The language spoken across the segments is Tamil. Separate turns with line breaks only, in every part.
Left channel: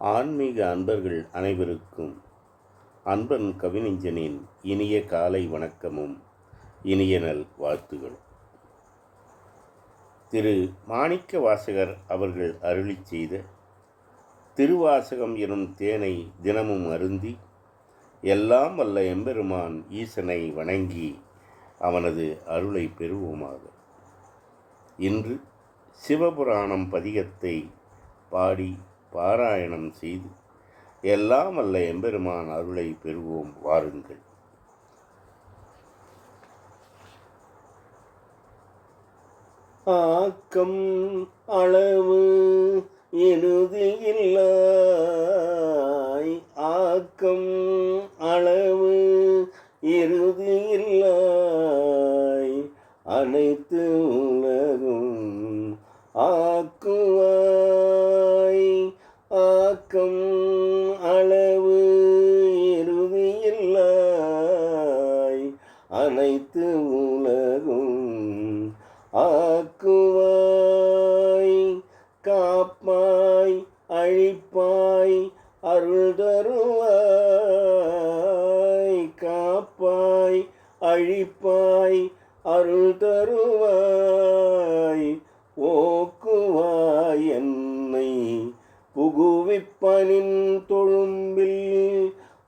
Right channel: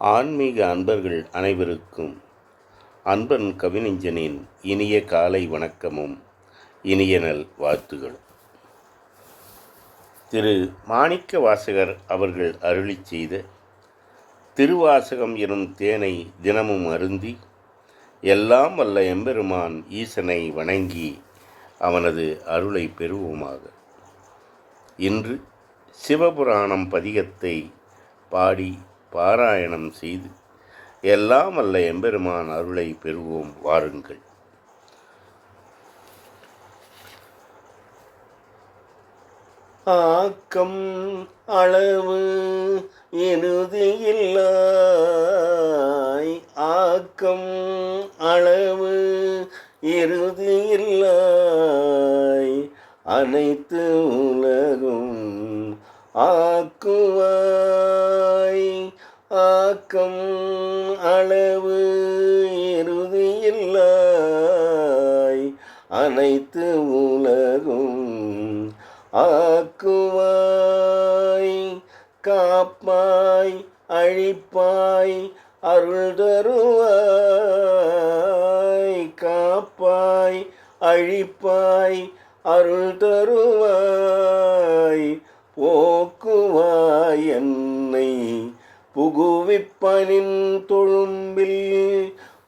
ஆன்மீக அன்பர்கள் அனைவருக்கும் அன்பன் கவிஞனின் இனிய காலை வணக்கமும் இனிய நல் வாழ்த்துகளும். திரு மாணிக்க வாசகர் அவர்கள் அருளிச் செய்த திருவாசகம் எனும் தேனை தினமும் அருந்தி எல்லாம் வல்ல எம்பெருமான் ஈசனை வணங்கி அவனது அருளை பெறுவோமாக. இன்று சிவபுராணம் பதிகத்தை பாடி பாராயணம் செய்து எல்லாம் அல்ல எம்பெருமான் அருளை பெறுவோம் வாருங்கள். ஆக்கம் அளவு இறுதியில்லாய் ஆக்கம் அளவு இறுதியில்லாய் அனைத்து உலகும் ஆக்குவார். ஆக்கம் அளவு இறுதியில்லாய் அனைத்து உலகும் ஆக்குவாய். காப்பாய் அழிப்பாய் அருள் தருவாய். காப்பாய் அழிப்பாய் அருள் தருவாய். குவிப்பனின் தொழும்பில்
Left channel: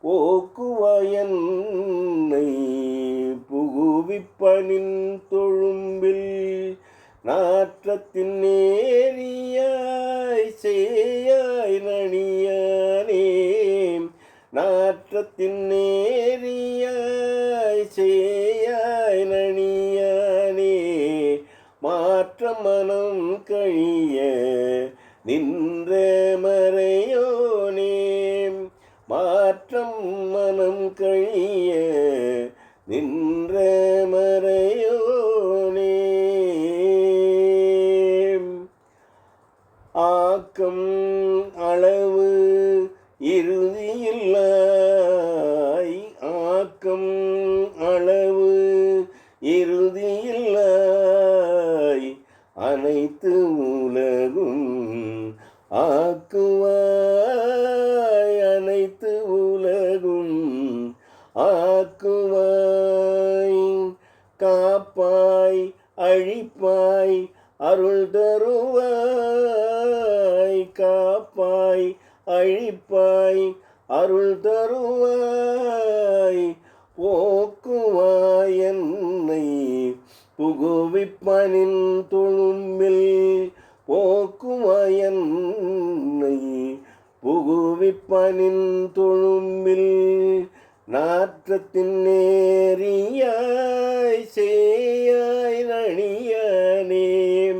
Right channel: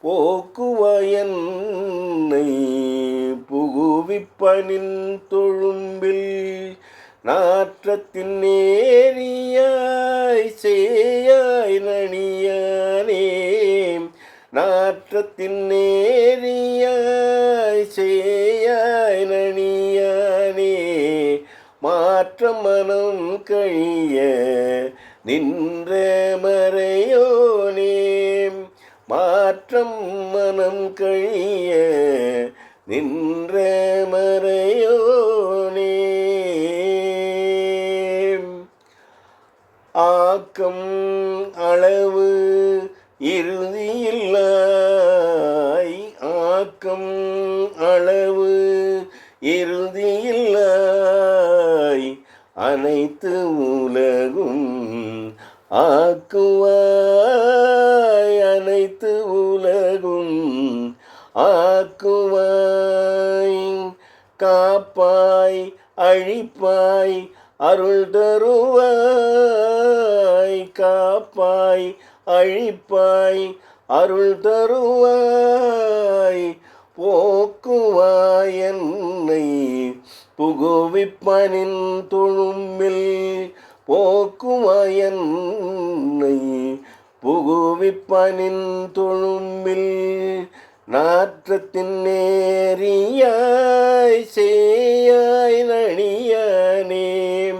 போக்குவயன்னை புகுவிப்பனின் தொழும்பில் நாற்றத்தின் நேரியாய் சேயாய் நணியானே நாற்றத்தின் நேரியாய் சேயாய் நணியானே மாற்ற மனம் கழிய நின்ற மாற்றம் மனம் கழிய நின்ற மறையோனே. ஆக்கம் அளவு இறுதியில்லாய் ஆக்கம் அளவு இறுதியில்லாய் அனைத்து உலகும் ஆக்குவாய். காக்குவாய் காப்பாய் அழிப்பாய் அருள் தருவாய் காப்பாய் அழிப்பாய் அருள் தருவாய். போக்குவாய் என்னை புகுவிப்பனின் தொழும்பில் போக்குவாய் என்னை புகுவிப்பனின் தொழும்பில் நாற்றத்தின் நேரியாய் சேயாய் நணியானே.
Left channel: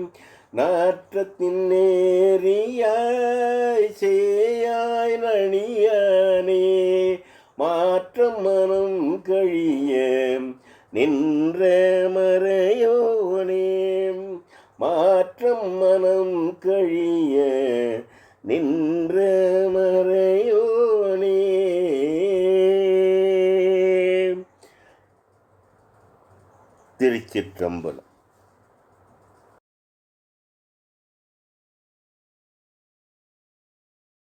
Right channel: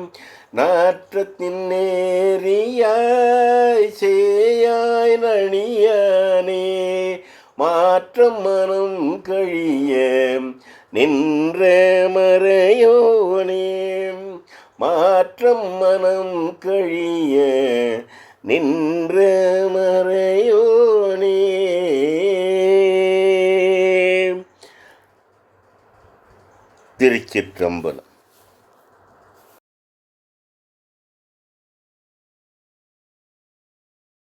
நாற்றத்தின் நேரியாய் சேயாய் நணியானே. மாற்றம் மனம் கழிய நின்ற மறையோனே. மாற்றம் மனம் கழிய நின்ற மறையோனே திருச்சிற்றம்பலம்